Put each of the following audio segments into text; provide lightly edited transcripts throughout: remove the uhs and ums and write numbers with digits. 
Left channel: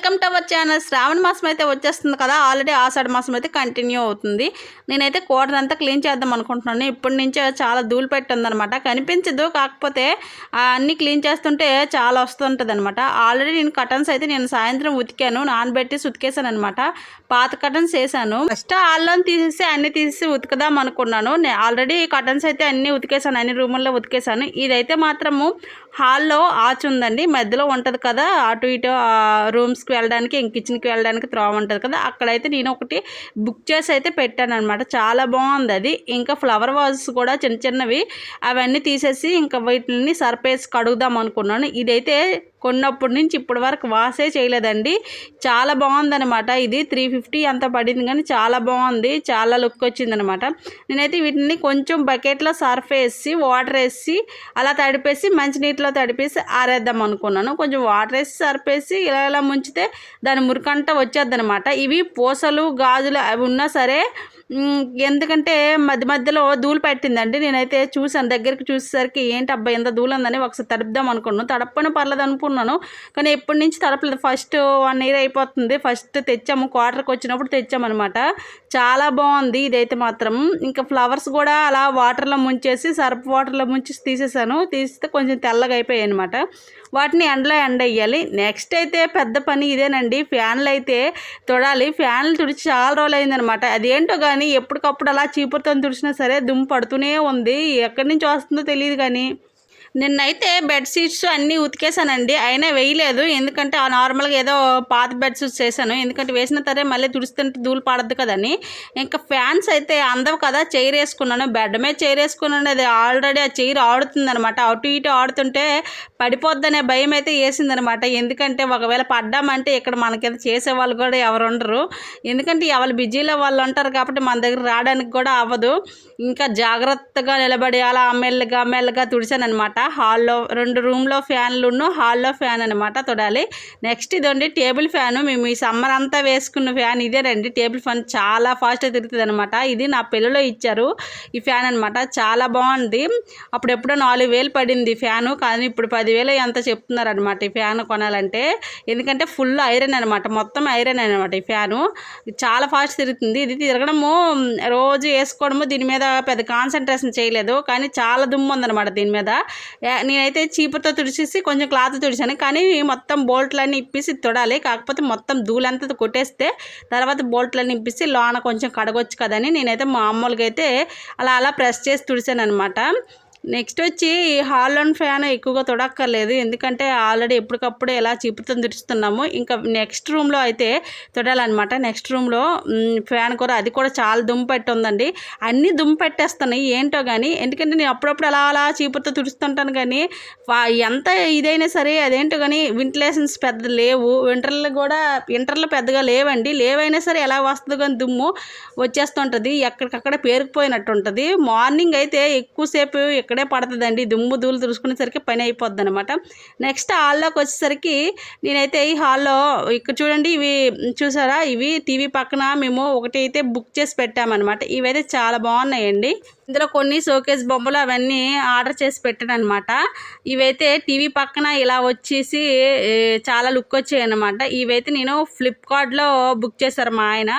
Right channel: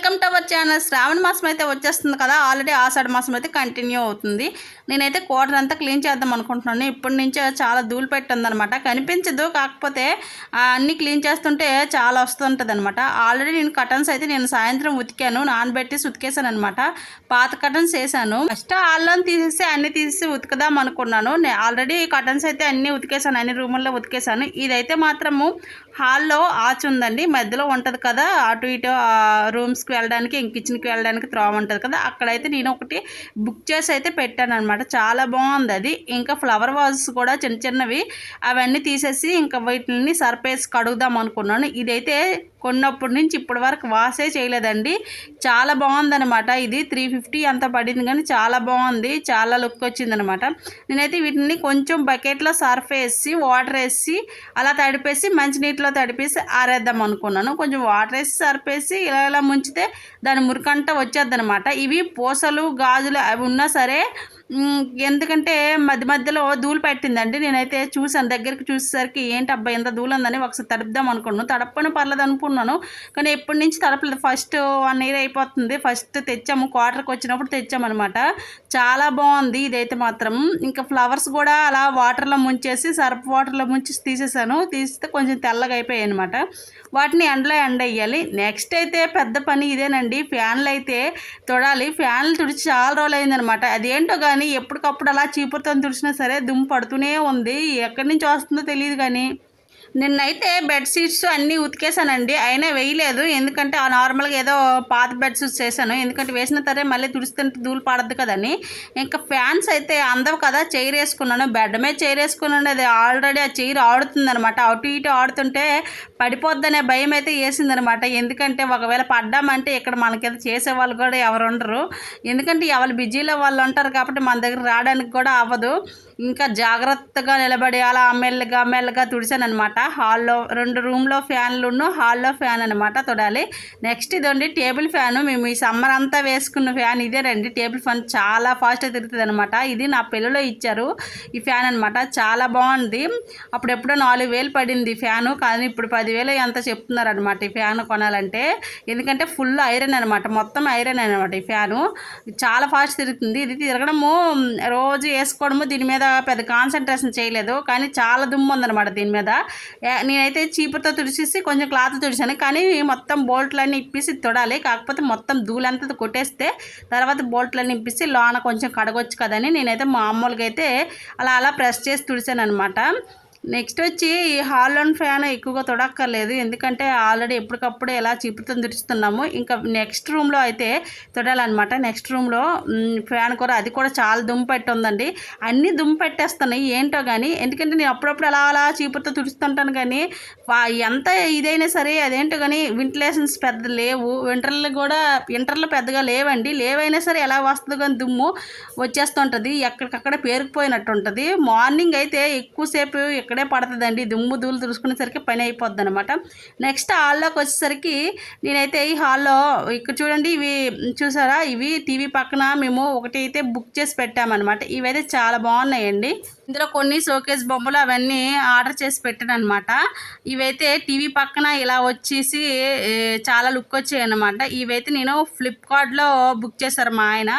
Welcome to our channel. శ్రావణ మాసం అయితే వచ్చేస్తుంది కదా, ఆల్రెడీ ఆషాఢ మాసం అయితే కంటిన్యూ అవుతుంది. నేనైతే క్వార్టర్ అంతా క్లీన్ చేద్దాం అనుకుంటున్నాను. ఇప్పటి నుంచే చాలా ధూళి పెట్టిందనమాట, కనిపించదు. కాకపోతే అన్నీ క్లీన్ చేస్తుంటే చాలా వస్తుంటుంది అనమాట. ఆల్రెడీ నేను కటన్స్ అయితే నేను సాయంత్రం ఉతికాను, నానబెట్టి ఉతికేసాను అనమాట. పాత కటన్స్ వేసాను. ఫస్ట్ ఆల్లోని తీసేసి అన్ని తీసి ఉతికదాం అనుకున్నాను. ఆల్రెడీ కటన్స్ అయితే అన్నీ ఉతికేసాను, అన్ని రూముల్లో ఉతికేసాను. ఇదైతే మాత్రము హాల్లో ఆచి ఉందండి, మధ్యలో ఉంటుంది కదా, అటు ఇటు రూమ్స్కి వెళ్ళడానికి కిచెన్కి వెళ్ళడానికి త్రోవ ఉంటుంది కదా, అక్కడైతే నేను ఒకటి బుక్ చేసి అయితే పెట్టాను అనమాట. చాలా బాగుంది అది. ఇంకా ఫ్లవర్ వాజెస్ కూడా చిన్న చిన్నవి అవన్నీ తీసేసి ఇంకా వీటిని సర్పేసి కడుగుదాం అనుకున్నాను. ఇదైతే కొన్నప్పటి నుంచి ఇప్పటి వరకు వాసే చేయలేదండి. చాలా బాగుందనమాట. ఇది 350 అంత పడింది, కానీ చాలా బాగుంది, చాలా లుక్ వచ్చిందనమాట. నేనైతే వీటిని కొంచెం బకెట్లో సర్ఫ్ వేసి వాటర్ వేసి అలా తడిపేసి మంచినీటిలో తడిపేసి ఆరేద్దాం అనుకున్నాను. కొంచెం వాటర్ వేసి సర్ఫ్ వేసి ఇలా ఇలా ముంచితే దాని మురికంట వచ్చేద్దనమాట. ఇవి పూసలు గాజులు అవి ఉన్నా సరే, ఎందుకంటే మధ్య మధ్యలో ధూళి పెట్టిందండి. నేనైతే చూసాను, దగ్గరికి చూసేసరికి ఏంటి అబ్బాయి ఎంత ధూళి ఉందని ఒకసారి తడుపుదాం అనుకున్నాను. తడపని పర్లేదు అనుకున్నాను, కానీ ఎప్పటి నుంచి తడపలేదు. ఫస్ట్ 1 year అయిపోతుంది. ఫస్ట్ తెచ్చాము, క్వార్టర్కి వచ్చినప్పుడు తెచ్చామన్నమాట. చాలా బాగుంది ఇదైతే మాత్రం. ఇంకా ఫ్లవర్స్ కూడా అలా వాటర్లో ముంచేసి సర్ఫ్ వాటర్లో ముంచి తీసేసాను. తీస్తే కొంచెం తెల్లగా అయిపోయాయి అనమాట. వాటిని ఎండలో ఎండేయాలి. నెక్స్ట్ అయితే పెద్ద పని ఇదేనండి, ఫ్యాన్లు అయితే తొడాలి. ఫ్యాన్లు తుడిచి చాలా రోజులు అయిందనమాట. అదేంటో కానీ ఎప్పటికప్పుడు అలా చీపురుతో తుడిచినా సరే దుమ్ము పడుతూనే ఉంది. ఎక్కడి నుంచి వస్తుందో తెలియదు. కానీ నిన్నైతే బెడ్షీట్స్ అన్నీ ఉతికేసానండి, అయినా వేయలేదు. ఎందుకంటే ఆ నార్మల్గా ఏదో పాత బెడ్షీట్స్ చేశాను, ఎందుకంటే వేసిన తరే మళ్ళీ తుడుస్తుంటే ధూళి పడద్దు కదని. ఇంకా ఫ్యాన్స్ అయితే అందవు కదా, చైర్ వేసుకున్నాను. బెడ్ మీద చైర్ వేసుకున్నాను. అది ఆల్రెడీ ఆ చైర్ ఆడుతుందనమాట. అటు ఇటు ఆడుతుంటే పడిపోద్దనే భయం అయితే వేసిందనమాట. ఎందుకంటే ఒకవేళ పడ్డామంటే ఇక్కడ మనకి చేసేవాళ్ళు కూడా ఎవరు ఉండరు. ఎందుకంటే ఎవరు బిజీలో వాళ్ళు ఉంటారు కాబట్టి మన దగ్గర రావడానికి కూడా అవ్వదు. ఇంకా జాగ్రత్తగా నిలబడి అలా మెల్లగా తుడిచాను అనమాట. హాల్లో 2 రూమ్లో ఫ్యాన్లు, హాల్లో ఫ్యాన్ అనమాట తొడాలి. నెక్స్ట్ ఇదండి టేబుల్ ఫ్యాను. మేము ఈ సమ్మర్ అంతా వేసుకున్న ఫ్యాన్ ఇదేనండి. టేబుల్ ఫ్యాన్ చాలా ఫాస్ట్గా తిరుగుతుంది అనమాట. ఇది నా పిల్లలో ఇచ్చారు ఈ ఫ్యాన్ అనమాట. చాలా బాగుంది. అప్పుడు ఎప్పుడో 4,000 పడింది ఫ్యాను, కానీ ఇప్పుడు 10,000 ఎంత చెప్తున్నారు అనమాట ఈ ఫ్యాన్ కొనాలంటే. ఎందుకంటే ఫుల్ ఐరన్ అనమాట, మొత్తం ఐరన్ అనమాట ఈ ఫ్యాను. చాలా ఫాస్ట్ తిరుగుతుంది. ఇది తిరగడము రోజు వేసుకోవడము, దీని మీద పెద్ద కాన్సన్ట్రేషన్ చేయలేదు, కానీ చాలా దుమ్ము ఉందన్నమాట దీని మీద. నేనైతే చీపుతో తుడిచేసి కొంచెం క్లాత్ తుడిచాను, కానీ మొత్తం బోల్ట్లన్నీ ఇప్పేసి తొడాలి. కాకపోతే మొత్తం ధూళంతా కొట్టేస్తే తర్వాత బోల్ట్లన్నీ ఇప్పేసి లోన కొంచెం కడగొచ్చు కదని నేనైతే మామూలుగా అయితే అలా ప్రెస్ చేసి తుడిచాను అనమాట. నెక్స్ట్ వచ్చి హాల్లోని ఫ్యాన్ ఎక్కువగా తొడక్కర్లేదు, ఎందుకంటే ఆల్రెడీ ఎప్పటికప్పుడు ఎలా చీపుతో తుడుస్తున్నాము. ఇంకా నెక్స్ట్ రూమ్లో అయితే తొడాలన్నమాట. నెక్స్ట్ రూమ్లో ఫ్యాన్ కూడా, అది కూడా చాలా దుమ్ము పెట్టి ఉందండి. అన్నీ దుమ్ము పెట్టేస్తున్నాయి ఏంటో కానీ. ఎందుకంటే నేను అప్పుడప్పుడు అలా చీపుతో తుడుస్తుంటాను, కానీ ఎంత ఇదైనా సరే అదేంటో కానీ వెంటిలేషన్స్ పెద్ద లేవు. వింటర్లో పెద్దగా లేవండి. లేవైనా సరే ఎలా వస్తుంది కానీ దుమ్ము వచ్చేస్తుంటుంది, ఎక్కడికక్కడ పేరుకుపోయినట్టు ఉంటుంది. మార్నింగ్ అయితే ఎక్కువసేపు ఇక్కడే పడుతుందండి, దుమ్ము ధూళి తుడుచుకునేసరికి పని అయిపోద్ది అనమాట. నెక్స్ట్ హాల్లోకి వచ్చేసరికి నేనైతే ఈ హాల్లో ఇక్కడ చూడండి, ఇవి చూసారా, ఇవి టీవీ పక్కన మేము ఒకటి అయితే బుక్ చేసి పెట్టామన్నమాట. ఇవైతే చాలా బాగున్నాయండి. ఇందులో కొన్ని షోకేస్ బొమ్మలు అవన్నీ ఆర్డర్ చేసి పెట్టాను అనమాట. ఇవైతే టీవీ పక్కన ఇలా వచ్చేసి చాలా లుక్ వచ్చాయి అనమాట. ఇవైతే నేను ఫ్లిప్కార్ట్లో బుక్ చేశారు మా ఆయన.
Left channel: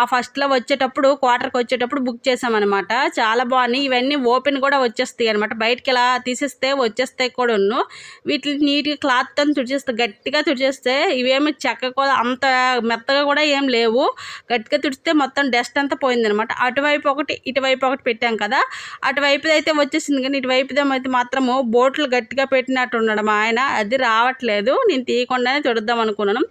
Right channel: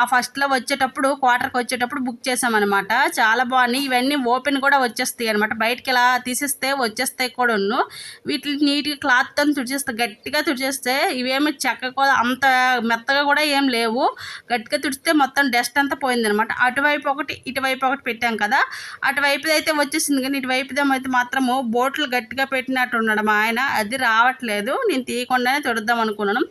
ఆ ఫస్ట్లో వచ్చేటప్పుడు క్వార్టర్కి వచ్చేటప్పుడు బుక్ చేసామన్నమాట. చాలా బాగున్నాయి. ఇవన్నీ ఓపెన్ కూడా వచ్చేస్తాయి అనమాట, బయటకి ఇలా తీసేస్తే వచ్చేస్తాయి కూడా. వీటిని నీట్గా క్లాత్తో తుడిచేస్తే, గట్టిగా తుడిచేస్తే, ఇవేమి చెక్క కూడా అంత మెత్తగా కూడా ఏం లేవు. గట్టిగా తుడిస్తే మొత్తం డస్ట్ అంతా పోయిందనమాట. అటువైపు ఒకటి ఇటువైపు ఒకటి పెట్టాం కదా, అటువైపుది అయితే వచ్చేసింది, కానీ ఇటువైపుది మాత్రము బోట్లు గట్టిగా పెట్టినట్టు ఉన్నాడు మా ఆయన. అది రావట్లేదు, నేను తీయకుండానే తుడుద్దాం అనుకున్నాను.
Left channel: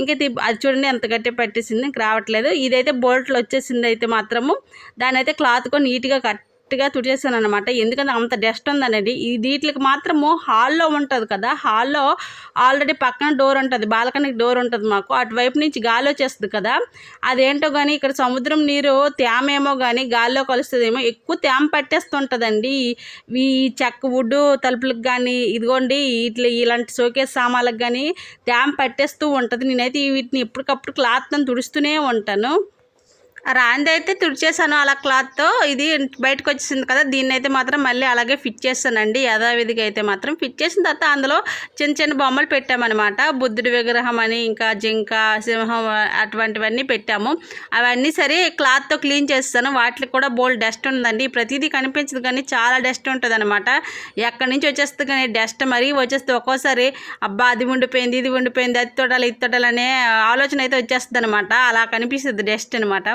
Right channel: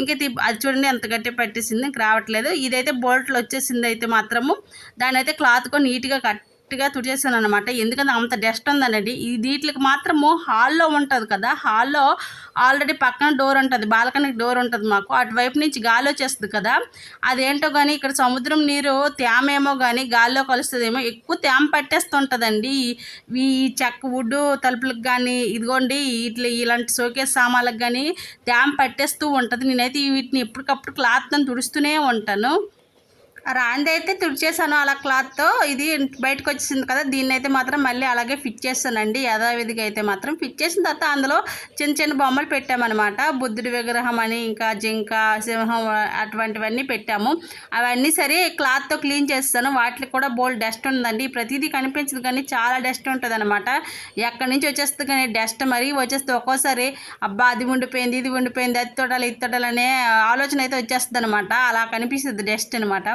ఇంకా అది చూడండి ఎంత గట్టిగా పెట్టేసింది, ఇంక రావట్లేదు. ఇదైతే బోల్ట్లు వచ్చేసింది అయితే మాత్రము. దాని అయితే క్లాత్తో నీట్గా గట్టిగా తుడిచేసాను అనమాట. ఎందుకంటే అంత డస్ట్ ఉందనండి. వీటికి మాత్రము హాల్లో ఉంటుంది కదా, హాల్లో ఆల్రెడీ పక్కన డోర్ ఉంటుంది, బాల్కనీకి డోర్ ఉంటుంది మాకు. అటువైపు నుంచి గాలి వచ్చేస్తుంది కదా, అదేంటో కానీ ఇక్కడ సముద్రం నీరు తేమేమో కానీ గాలిలో కలుస్తుందేమో, ఎక్కువ తేమ పట్టేస్తుంటుందండి ఈ చెక్క వుడ్ తలుపులకు కానీ. ఇదిగోండి ఇలాంటి షోకేస్ సామాన్లకు కానీ తేమ పట్టేస్తూ ఉంటుంది. నేనైతే వీటిని ఎప్పటికప్పుడు క్లాత్తో తుడుస్తూనే ఉంటాను. రాందైతే తుడిచేసాను అలా క్లాత్తో. ఇది బయటకు వచ్చేసింది కదా, దీన్నైతే మాత్రం మళ్ళీ అలాగే ఫిట్ చేస్తానండి యథావిధిగా. అయితే మాత్రం ఫిట్ చేసిన తర్వాత అందులో చిన్న చిన్న బొమ్మలు పెట్టామన్నమాట. బుద్ధుడి విగ్రహం అని, ఇంకా జింక, సింహం అటువంటివన్నీ పెట్టాము. అవన్నీ సరే క్లాత్తో క్లీన్ చేస్తాను. వాటికి కూడా బోల్డ్ డస్ట్ ఉందండి. ప్రతిదీ కనిపించదు కానీ చాలా డస్ట్ ఉంటుంది అనమాట. ఎక్కడి నుంచి వచ్చేస్తుంది కానీ డస్ట్ మరీ వచ్చేస్తుంది. ఒక్కోసారి అబ్బా అది ఉండిపోయింది, ఇది ఉండిపోయింది, అది తొడాలి, ఇది తొడాలి అనే ఆలోచన అయితే వచ్చేస్తుంది అనమాట. అలా కనిపిస్తుంది డస్ట్ అనమాట.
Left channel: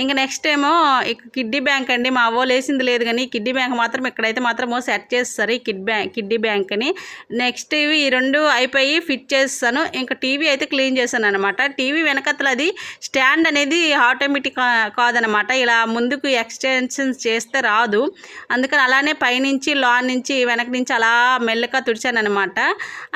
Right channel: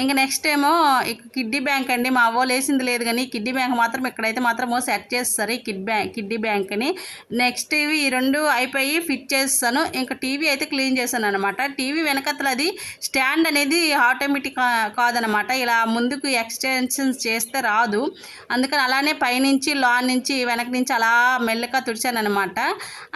ఇంకా నెక్స్ట్ ఏమో ఇక కిడ్డీ బ్యాంక్ అండి. మా అవ్వ లేసింది లేదు కానీ కిడ్డీ బ్యాంక్ మాత్రం ఇక్కడైతే మాత్రం సెట్ చేస్తారు ఈ కిడ్డీ బ్యాంక్ అని. నెక్స్ట్ ఇవి ఈ రెండు అయిపోయి ఫిట్ చేస్తాను. ఇంకా టీవీ అయితే క్లీన్ చేశాను అనమాట. టీవీ వెనకతల అది స్టాండ్ అనేది ఆటోమేటిక్ కాదనమాట. ఇలా ముందుకు ఎక్స్టెన్షన్స్ చేస్తే రాదు. అందుకని అలానే పైనుంచి లాన్ నుంచి వెనక నుంచి అలా మెల్లగా తుడిచాను అనమాట.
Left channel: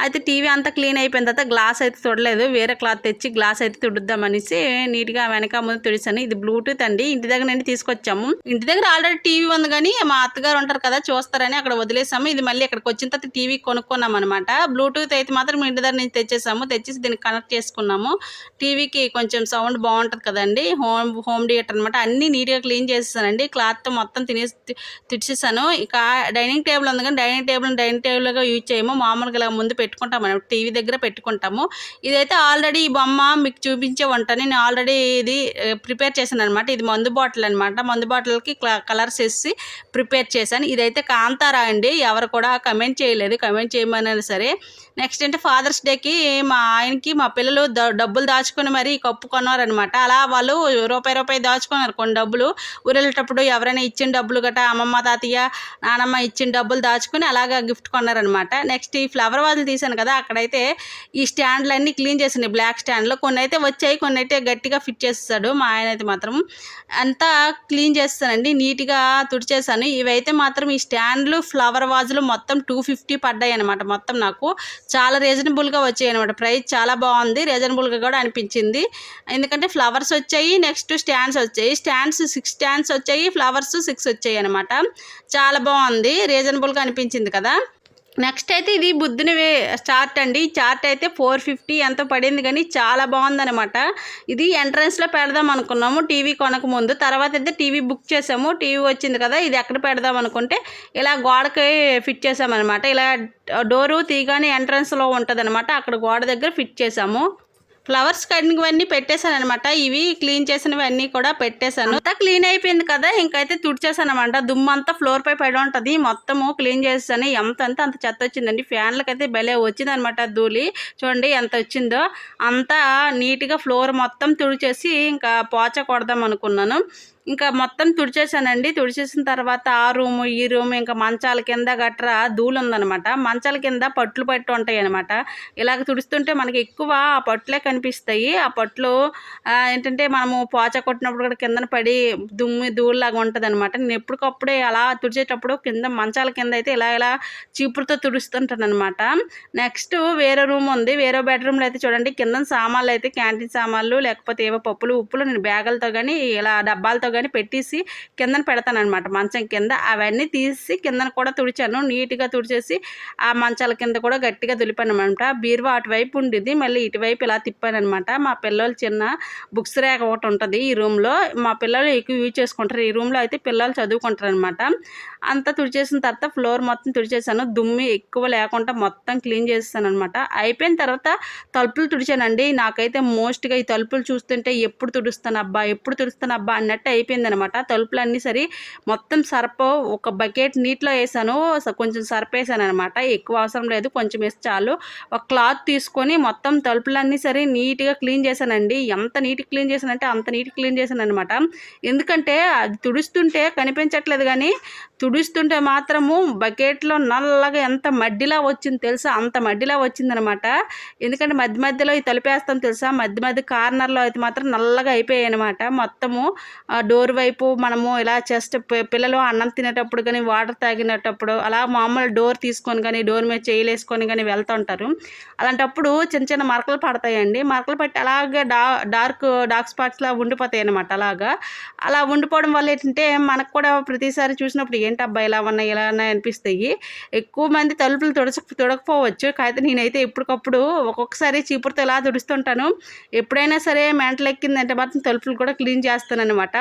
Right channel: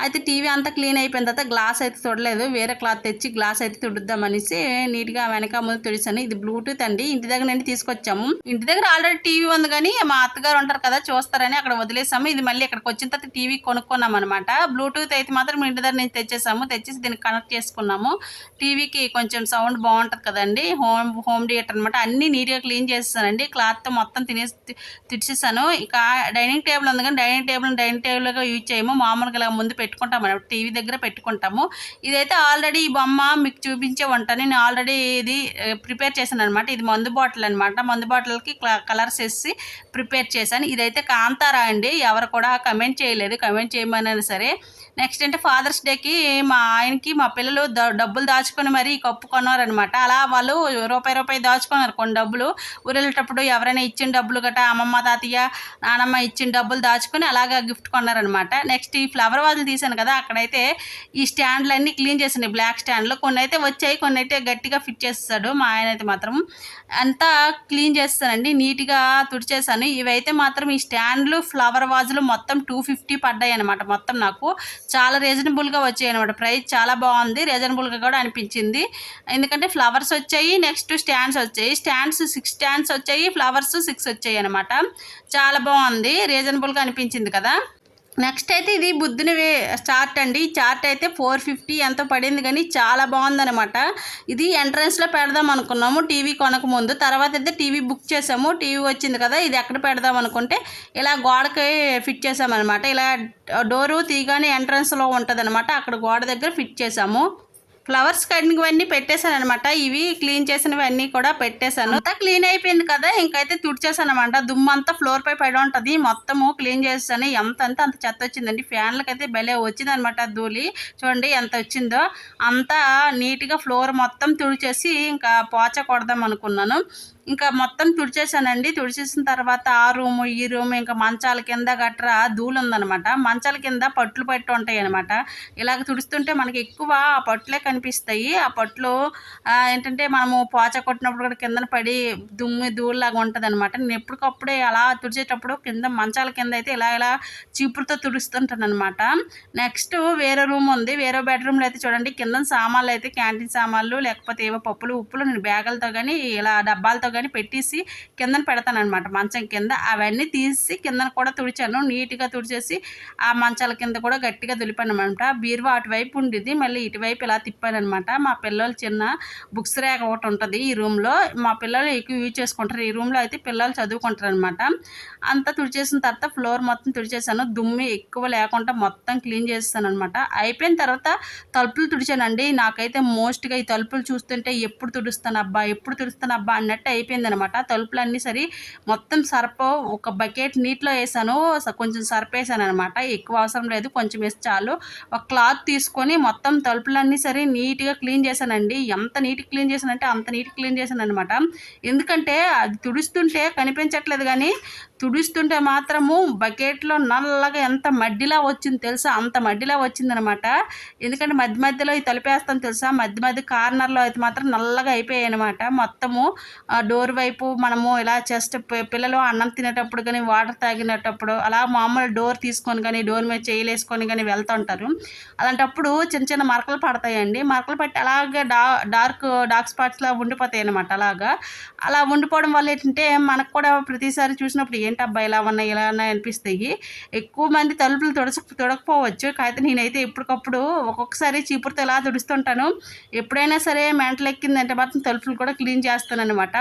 అయితే టీవీ అంతా క్లీన్ అయిపోయిన తర్వాత గ్లాస్ అయితే తుడలేదు. వేరే క్లాత్ తెచ్చి గ్లాస్ అయితే తుడుద్దామనేసి నీట్గా వెనక ముందు తుడిచాను. ఇది బ్లూటూత్ అండి. ఇంటి దగ్గర నుండి తీసుకొచ్చాము. ఇంటి దగ్గర ఆల్రెడీ టీవీ ఉంది కానీ మా అత్తగారు ఉంటారు కదా చూస్తారని అక్కడ వదిలేసాము. ఇది మళ్ళీ ఇక్కడికి వచ్చిన తర్వాత టీవీ కొనుక్కున్నాం అనమాట. బ్లూటూత్ అయితే మాత్రం ఇంటి దగ్గర నుంచి తెచ్చేసాము. తెచ్చేసి దీనికి కనెక్ట్ చేసుకున్నాము. టీవీకి కొంచెం సౌండ్ బాగుంటుంది కదండి. హోమ్ థియేటర్ అనమాట. అన్నీ నీట్గా క్లీన్ చేసేసానండి. క్లాత్తో మొత్తం తుడిచేసాను. ఇక డైనింగ్ టేబుల్ ఉంది కానీ డైనింగ్ టేబుల్గా యూజ్ చేయము. మామూలుగా ఇలా ముందు పెట్టుకుంటాం అనమాట. టీవీ దగ్గర పెట్టుకుంటాము. ఇదైతే ఆల్రెడీ ఈ బొమ్మ మీకు చూపించే ఉంటాను. నేను ఆల్రెడీ ఇది ప్రిపేర్ చేశాను అనమాట. ఇది మందు బాటిల్ అనమాట. మందు బాటిల్కి కలర్స్ వేసి ప్రిపేర్ చేశాను. ఇదైతే కాంతారా అండి. ఎవరు కూడా కమెంట్ చేయలేదు. కమెంట్ చేయమన్నా సరే. నెక్స్ట్ అంటే ఫాదర్స్ డేకి మా ఆయనకి మా పిల్లలు డబ్బులు దాచుకొని మరీ కప్పు కొన్నారనమాట. అలా వాళ్ళు రూపాయి దాచుకున్నారు కొన్ని డబ్బులు. ఊరెళ్ళేటప్పుడు ఎవరైనా ఇచ్చిన డబ్బులు గట్రా అమ్మమ్మ, తాతయ్య, నానమ్మ ఇచ్చిన డబ్బులు దాచుకొని అలాగా గిఫ్ట్ కొన్నారనమాట. నెక్స్ట్ ఈ ఫ్లవర్ వాజులు తీసాను కదా, అక్కడైతే ఈ స్టాండ్లన్నీ క్లీన్ చేసినాయి. బ్లాక్ స్టాండ్లు కొన్ని అయితే వచ్చాయి, కొన్ని అయితే గట్టిగా ఫిట్ చేస్తాడు మా ఆయన. అయితే మాత్రం అంతా క్లీన్ చేస్తానండి. నీట్గా తుడిచేసాను. ఇవైతే మాత్రం ఈ స్టాండ్లు ఫ్లవర్ వాజులు మొత్తం 250 పడ్డాయి అనమాట. మొత్తం నాకు చాలా రీజనబుల్గా వచ్చాయి అనమాట. ప్రైస్ చాలా బాగుంది, రీజనబుల్గా కూడా అనిపించింది. ఎందుకంటే ఫ్లవర్స్ వచ్చాయి, నెక్స్ట్ స్టాండ్స్ వచ్చాయి. 6 స్టాండ్స్ వచ్చాయి, ఫ్లవర్స్ 6 వచ్చాయి అనమాట. చాలా బాగుంది, రీజనబుల్గా అనిపించింది కదా. నెక్స్ట్ అయితే ఇది బుద్ధుని చార్ట్ అండి. ఈ చార్ట్ అయితే 450 ఎంతో పడింది కానీ చాలా బాగుందనమాట. ఇది ఎంట్రన్స్లో పెడదాం అనుకున్నాము టీవీ కొనక ముందు. తర్వాత అయితే టీవీ బుక్ చేసాము. టీవీ వచ్చింది కదా, ఇది ఎక్కడ పెడదాం అనుకుంటే ఇలా గోడకి ఫిట్ చేసామన్నమాట. ఇలా డోరు తీగానే ఎంట్రన్స్లో ఉంటుంది అనమాట. అక్కడ గోడ దగ్గర ఫిట్ చేసాము. ఫ్లవర్స్ కటింగ్ అన్నీ పెట్టేశాను అనమాట. ఇవి క్లీన్ చేసినవి అన్నీ కూడా పెట్టేశాను. అంతా క్లీన్ అయిపోయింది కదా, ఇంకైతే తుడిచేసాను అనమాట. దుమ్మంతా ఫ్లోర్ పై పడి ఉంటుంది. మొత్తము క్లీన్ చేసాను. అంత చెత్త వచ్చిందండి. ఫ్యాన్లకైతే భలే వచ్చింది అనమాట ధూళి. చూడండి ఎంత వచ్చిందో. అంతా నీట్గా ఫ్లోర్ మొత్తం తుడిచేసి ఇంకా పోచ కొడదాం అనుకున్నాను. ఇంకా మొత్తం తుడిచేసానండి. తుడిచేసిన తర్వాత ఆ రూము ఈ రూము ఇంకా మంచాల కింద గట్రా ధూళి ఉందనమాట. మంచాల కింద పట్లు పట్టు ఉంటాయి అనమాట. ఇలాగ తుడుస్తుంటే మనకి ఎక్కువ ఆ పట్లే కనిపిస్తాయి. ఆ పట్లు ఏంటంటే మనము పోచ కొట్టినప్పుడు కూడా కిందన పడి ధూళిలాగా ఉంటుంది అనమాట. నేను ఎప్పటికప్పుడే అలా తుడిచేటప్పుడు కింద మంచాల కింద అయితే ఇలా చీపురుతో తుడుస్తుంటాను అనమాట. నెక్స్ట్ వేరే రూమ్ ఉంది. వేరే బెడ్రూమ్లో అయితే చూడండి కింద సామాన్లు అయితే క్యాంటీన్ సామాన్లు లేకపోతే ఏవో పప్పులు ఉప్పులు నేను బ్యాగులతో కానీ ఇలా డబ్బాలతో కానీ పెట్టేసి కిందన పెడతాను అనమాట. మంచం కింద అవన్నీ తీసి కిందన కూడా తుడిచాను. నీట్గా తుడిచేసి ఆ మంచాల కింద కూడా గట్టిగా దులిపాను అనమాట. బీరువా అటువైపు ఉండేది, మళ్ళీ ఇటువైపు ఇలా తిప్పాను అనమాట. మా పిల్లలు చిన్న బుక్స్ ర్యాక్ ఒకటి ఉంటుంది ఈ రూమ్లో. మా పిల్లలు ఎక్కువ యూజ్ చేసుకుంటారు. ఈ రూమ్లో అయితే పిల్లలు చదువుకుంటారు అనమాట. అంతా తుడిచేసిన తర్వాత ఫ్లోర్ మొత్తం తుడిచేసాను. దుమ్మి ఎక్కువ లేకుండా మొత్తం క్లీన్ చేస్తాను అనమాట. అయిపోయిన తర్వాత తలుపులు తుడిచానండి. నాకైతే మోస్ట్గా ఈ తలుపులు చూస్తుంటే ఎప్పుడు తుడుస్తాను అబ్బా అన్నట్టు అయిపోయిందనమాట. తలుపులన్నీ సరే మొత్తం సర్ప ఒక బకెట్ నీటిలో వేసాను. కొంచెం సర్ప వేసాను అనమాట. ఎక్కువ అవసరం లేదు, కొంచెం వేసి చాలు. ఒక క్లాత్ తీసుకొని మొత్తం తలుపులన్నీ సరే నీట్గా క్లీన్ చేశానండి. ఎంత నీట్గా క్లీన్ చేశానంటే అంత నీట్గా క్లీన్ చేశాను అనమాట. ఎందుకంటే అది తుడుస్తుంటే కనిపించట్లేదు కానీ తుడుస్తుంటే మాత్రము బకెట్లో నల్లగా ఎంత మడ్డిలా వచ్చింది తెలుసా, అంత మడ్డిలా వచ్చిందనమాట. ఎందుకంటే మధ్యలో ఈ తలుపేస్తాను తెలుసా, మధ్య కార్నర్లో అయితే మాత్రం నల్లగా అయిపోయాయి అనమాట. మొత్తము డోర్ వైపు మనము ఇలా జస్ట్ పిల్లలు అన్నం తినేటప్పుడు కానీ వాటర్ తాగినప్పుడు అలా మామూలు డోర్ తీసుకొని కానీ డోర్ మీద చేయలేసుకొని కానీ వెళ్తుంటారు. అలాంటప్పుడు చిన్న చిన్న మరకలు పడతాయండి. మరకలు పట్టి అలాగే డార్క్ స్పాట్స్‌లా ఉండిపోతాయి అనమాట అలాగా. అలా ఉండిపోవడం వల్ల ఏంటంటే మనకు కూడా ప్రతిసారి చూసినప్పుడు ఏంటబ్బా! ఇలా ఉన్నాయి, ఇలా ఉన్నాయి అనిపిస్తాయి. ఎక్కువ మంది తలుపులు తుడకపోవచ్చు. కాకపోతే నేనైతే ఎప్పటికప్పుడు ఒక్కొక్కసారి చీపురుతో ఇలా తుడుస్తుంటాను. ఎప్పుడైనా సరే మెంటలెక్కిందంటే మాత్రం తలుపులు కూడా క్లీన్ చేస్తాననమాట.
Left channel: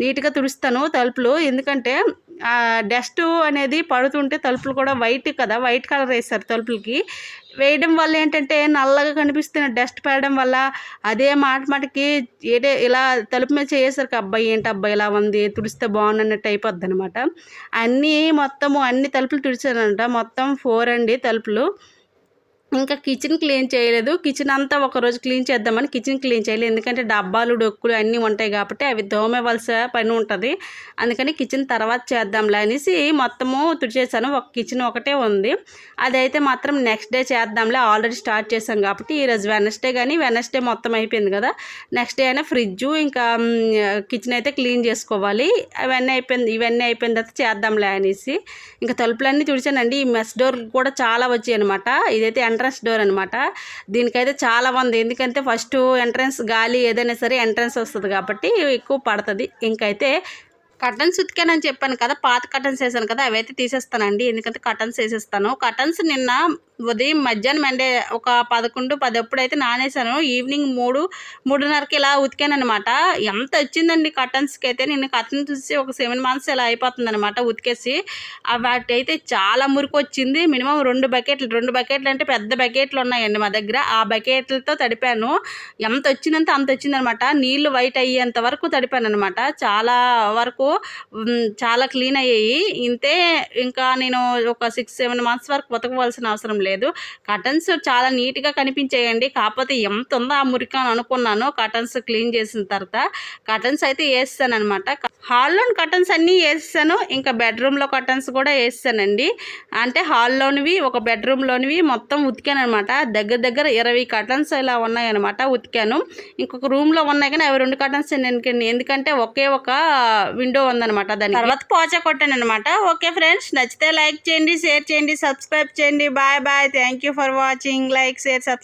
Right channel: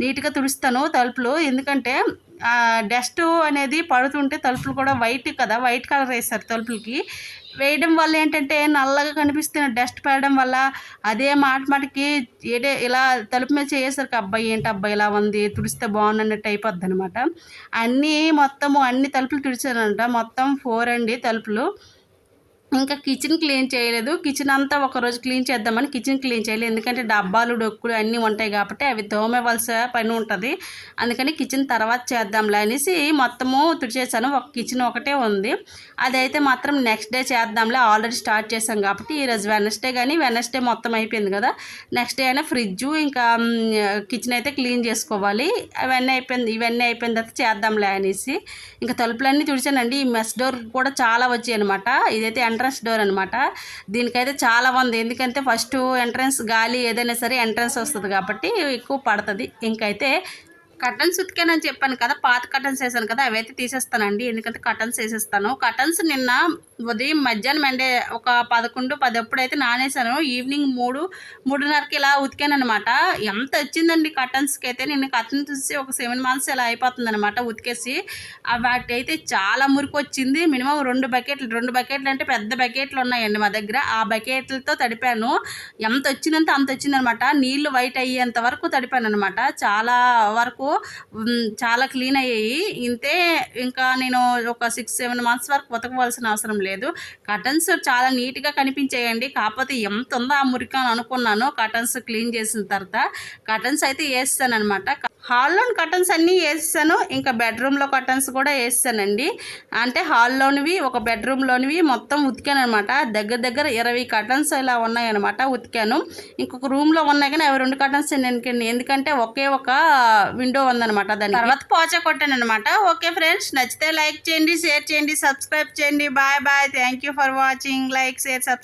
నీట్‌గా తుడుస్తాను తలుపులు. ఎందుకంటే డస్టు అనేది పడుతుంటే తలుపులు కూడా వైట్ కదా! వైట్ కలర్ ఏస్తారు తలుపులకి. వేయడం వల్ల ఏంటంటే నల్లగా కనిపిస్తున్న డస్ట్ పడడం వల్ల అదే మాటికి ఇలా తలుపు మీద చేయేసరికి అబ్బా! ఏంటబ్బా! ఇలా ఉంది, తుడిస్తే బాగున్నట్టు అయిపోద్దనమాట. అన్ని తలుపులు తుడిచానంట. మొత్తం 4 అండి తలుపులు. ఇంకా కిచెన్ క్లీన్ చేయలేదు. కిచెన్ అంతా ఒకరోజు క్లీన్ చేద్దామని కిచెన్ క్లీన్ చేయలేదు. ఎందుకంటే డబ్బాలు, డొక్కులు అన్నీ ఉంటాయి కాబట్టి అవి తోమవలసిన పని ఉంటుంది. అందుకని కిచెన్ తర్వాత చేద్దాంలే అనేసి మొత్తము తుడిచేసాను. ఒక కిచెన్ ఒకటే ఉంది. అదైతే మాత్రం నెక్స్ట్ డే చేద్దాంలే, ఆల్రెడీ స్టార్ట్ చేశాం కాబట్టి. ఈరోజు వెనస్డే మొత్తం అయిపోయింది కదా! నెక్స్ట్ డే అయినా ఫ్రిడ్జు ఇంకా కిచెన్ అయితే క్లీన్ చేసుకోవాలి. ఇవన్నీ అయిపోయిన తర్వాత చేద్దాంలే అనేసి ఇంకా తలుపులన్నీ తుడిచానండి. ఈ మెస్ డోర్ కూడా చాలా వచ్చాయి అనమాట. ఇదైతే ఎంట్రన్స్ డోర్ అనమాట. దీనికైతే చాలా ఉంది. ఎందుకంటే ఫస్ట్ ఎంట్రన్స్ గాలి ఏదైనా సరే ఎంట్రన్స్ వస్తుంది కాబట్టి ఎక్కువ పడుతుంది. ఇంకైతే కర్టన్స్ ఉతికానని చెప్పాను కదా, పాత కర్టన్స్ వేసాను కదా, అవైతే తీసేస్తానండి. ఎందుకంటే కర్టన్స్ వేసేస్తాను. కర్టన్స్ నిన్న ఉదయం మధ్యాహ్నం అంటే ఒక 11, 10 అప్పుడైతే నానేసాను. ఈవినింగ్ 3:30కి ఇలా ఉతికానమాట. ఎంత వచ్చిందండి కర్టన్స్కి అయితే. నేను కర్టన్స్ చూసి ఒక 7 months ఇలా అయిపోతుందనమాట ఉతికేసి. వాటి అయితే చాలా మురికి వచ్చింది. మినిమం 2 బకెట్లు అంటే పెద్ద బకెట్లు ఉన్నాయండి మా దగ్గర. ఆ బకెట్లతో తడిపాను. ఎంత వచ్చిందంటే అంత వచ్చిందనమాట. నీళ్లు వైట్ అయ్యేంత వరకు తడిపాను అనమాట. చాలా వరకు చాలా క్లీన్ అయ్యాయి. ఇంతే, ఇంకా నేను ఒక 6-7 months వరకు ఉతకవలసిన అవసరం లేదు. కర్టన్స్ చాలా నీట్గా కనిపించాయండి. కాకపోతే ఎంత ఉందో ఆ మురికి అని అనుకున్నాను కర్టన్స్ క్లీన్ చేసిన తర్వాత. కర్టన్స్ అయితే వేస్తాను అనమాట. హాల్లోని కర్టన్స్ అన్నీ వేస్తాను. ఇంకా బెడ్రూమ్లో కర్టన్స్ కూడా వేస్తానండి. అంటే హాల్లోనివి, ఒక బెడ్రూమ్లోనివి మొత్తం ఉతికాను అనమాట. దగ్గర 20 కర్టన్స్ ఇలా ఉన్నాయన్నమాట, ఉతికాను. ఇంకొక రూమ్లో ఉన్నాయి కానీ అవి 2 కర్టన్స్ ఎందుకంటే ఒకే ఒక విండో ఉందనమాట. దాని తర్వాత పోచా కొట్టాను అనమాట. ఓకే ఫ్రెండ్స్, నచ్చితే లైక్ చేయండి, షేర్ చేయండి, సబ్స్క్రైబ్ చేయండి. Bye. Thank you for watching. Like, share, subscribe.